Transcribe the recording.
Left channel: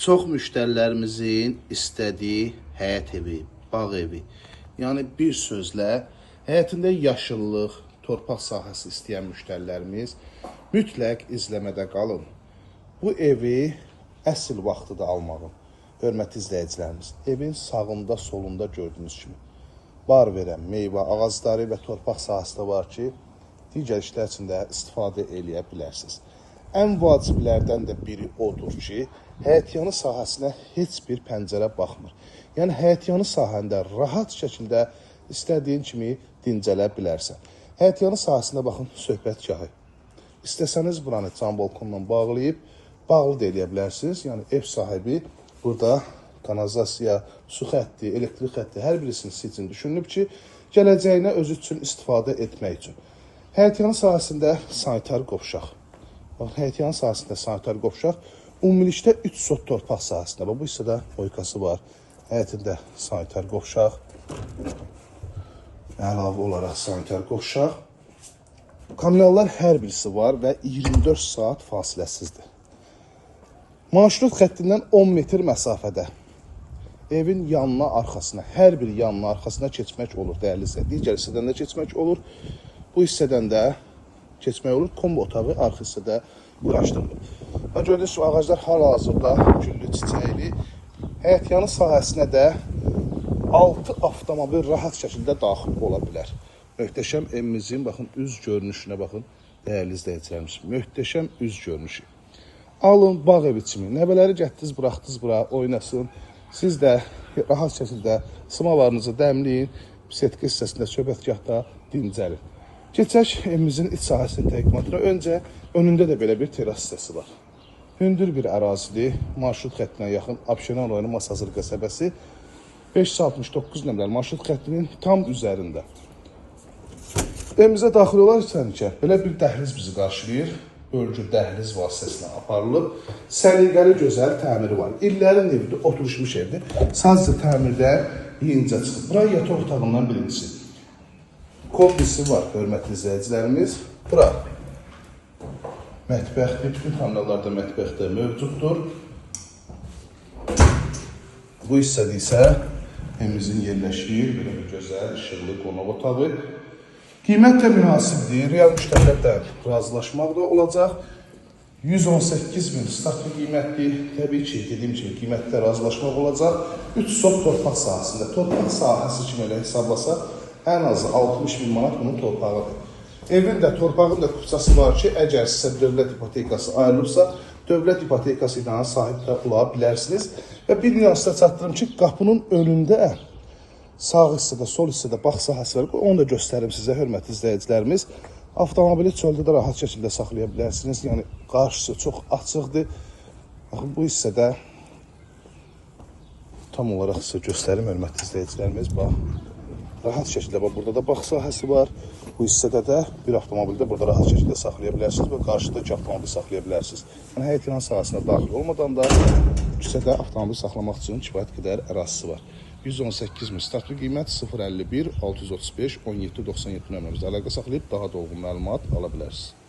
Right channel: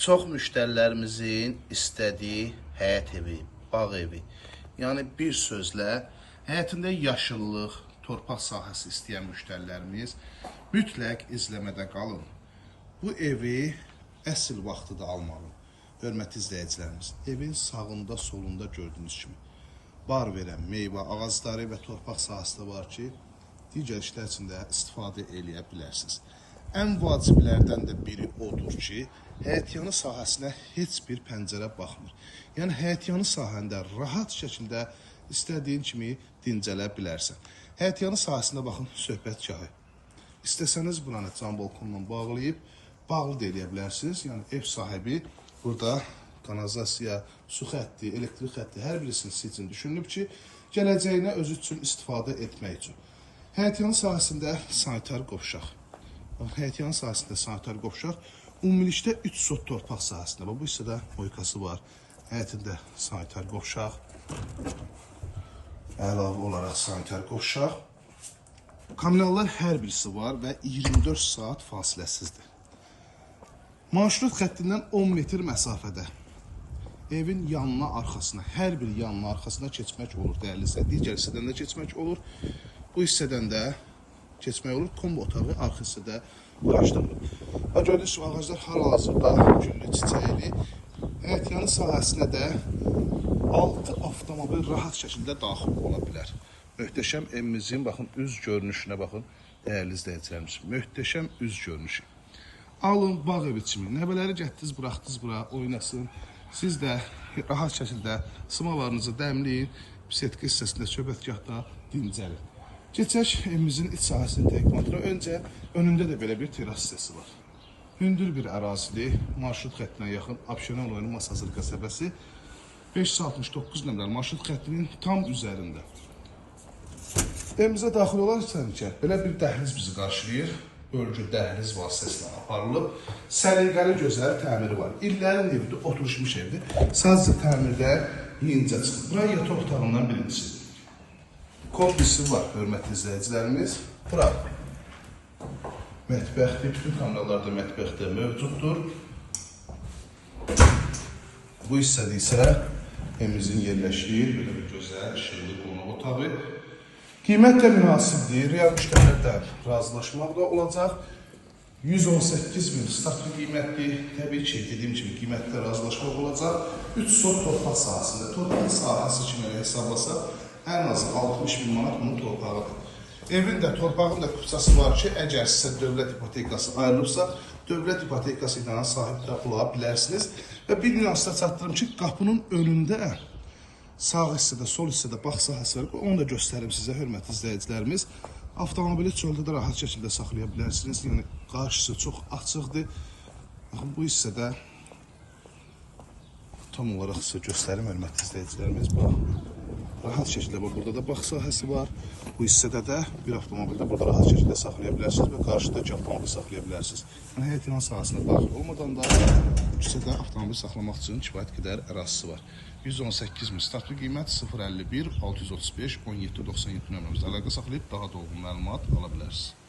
Çox müştərilərimizin istədiyi həyət evi, bağ evi, yəni bir sözlə həyətində yaşıllıq, torpaq sahəsi istəyən müştərilərimiz mütləq izləmədə qalın. Bu evi əsl vaxtıda almağın, hörmətli izləyicilərimiz, evin sağında, solunda gördüyünüz kimi bar verən meyvə ağacları və torpaq sahəsi də var ki, digər işlər üçün də istifadə eləyə bilərsiniz. Ən vaciblərdən də biri odur ki, həyətyanı sahəsinə heç bir pəncərə baxmır. Yəni, həyətyanı sahəndə rahat şəkildə istədiyin kimi dincələ bilərsən. Həyətyanı sahəsində baxın, söhbətgahı. İstəsəniz buranı cam balkonla bağlayıb, bağlı da eləyə bilərsiniz. Yəni, ev sahibi burada kanalizasiya, su xətti, elektrik xətti hər birisini sizin düşünülüb ki, gələcəyinə özü üçün istifadə etmək üçün. Həyətyanı sahəsində sanitar qovşaq. Həyətyanı sahəsində sanitar qovşaq. Ümumilikdə 3 sot torpaq sahəsində. Bu hissədə boykası var. Həyətində sanitar qovşaq. Əlavə olaraq sanitar qovşaq. Kommunallar hər birisi var və 24 saat fasiləsizdir. Marşrut xəttindən 10 metr məsafədə evin yanına, arxasına, hər bir yanına, arxasına keçmək olur, dəyərli isə. Digər hissədən də keçmək olur. Bu hissədən də keçmək olur. Kombo otağı arxa hissədə quraşdırılır. Və gördüyünüz kimi ağaclar hal-hazırda güllü çiçəkli. Həyətyanı sahəsinə də 6 avtomobil rahat şəkildə daxil ola bilər. Möhtəşəm evimizin, baxın, üz görünüşünə baxın, dəyərli izləyicilərimiz. Möhtəşəm üz görünüşü. Alın, bağ evi kimi. Nəvələri gətdiniz, buraxdınız bura, oynasın. Siz də rahat şəkildə sımalarınızı dəmləyin, setki hissəsində, söhbətgahda dincəlin. Keçək evimizin iç sahəsinin təqdimatına. Öncə önündə də belə bir teras hissəsi var. Hündür bir ərazidir. Marşrut xəttinə yaxın Abşeron rayonu Masazır qəsəbəsi 569 nömrəli marşrut xəttinin tam üzərində. Evimizə daxil olarkən belə bir dəhliz bizi qarşılayır. Bölgü dəhliz vasitəsilə aparılıb. Səliqəli gözəl təmiri var. İllərin evidir, oturuşmuş evdir. Sadəcə təmirdə yenicə çıxıb. Bura yataq otağından birincisi. Kombisi var, hörmətli izləyicilərimiz. Bura mətbəxdir, bütün kommunallarda mətbəxdə mövcuddur. Bu hissədə isə evimizin yerləşdiyi bir gözəl, işıqlı qonaq otağı. Qiymət də münasibdir, real müştərilərdən razılaşmaq da olacaq. 118.000 startlı qiymətdir. Təbii ki, dediyim kimi qiymətdə razılaşmaq olacaq. 3 sot torpaq sahəsində. Torpaq sahəsi kimi elə hesablasaq, ən azı 60.000 manat bunun torpağıdır. Evin də, torpağın da kupçası var ki, əgər sizə dövlət ipotekası ayrılıbsa, dövlət ipotekası ilə sahib də ola bilərsiniz. Və bir nüansda çatdırım ki, qapının önündə sağ hissədə, sol hissədə bağ sahəsi var. Onu da göstərim sizə, hörmətli izləyicilərimiz. Avtomobili çöldə də rahat şəkildə saxlaya bilərsiniz. Yəni, qarşısı çox açıqdır. Baxın, bu hissədə tam olaraq sizə göstərim, hörmətli izləyicilərimiz. Rahat şəkildə, burada da bağ sahəsi var. Bu hissədə də bir avtomobildə burada rahat şəkildə saxlaya bilərsiniz və qarşıda 2 avtomobil saxlaya bilərsiniz. Yəni, həyətyanı sahəsinə daxil olmadan da küçədə avtomobil saxlamaq üçün kifayət qədər ərazisi var. 118.000 startlı qiymət 051 635 1797 nömrəmizdə əlaqə saxlayıb daha dolğun məlumat ala bilərsiniz.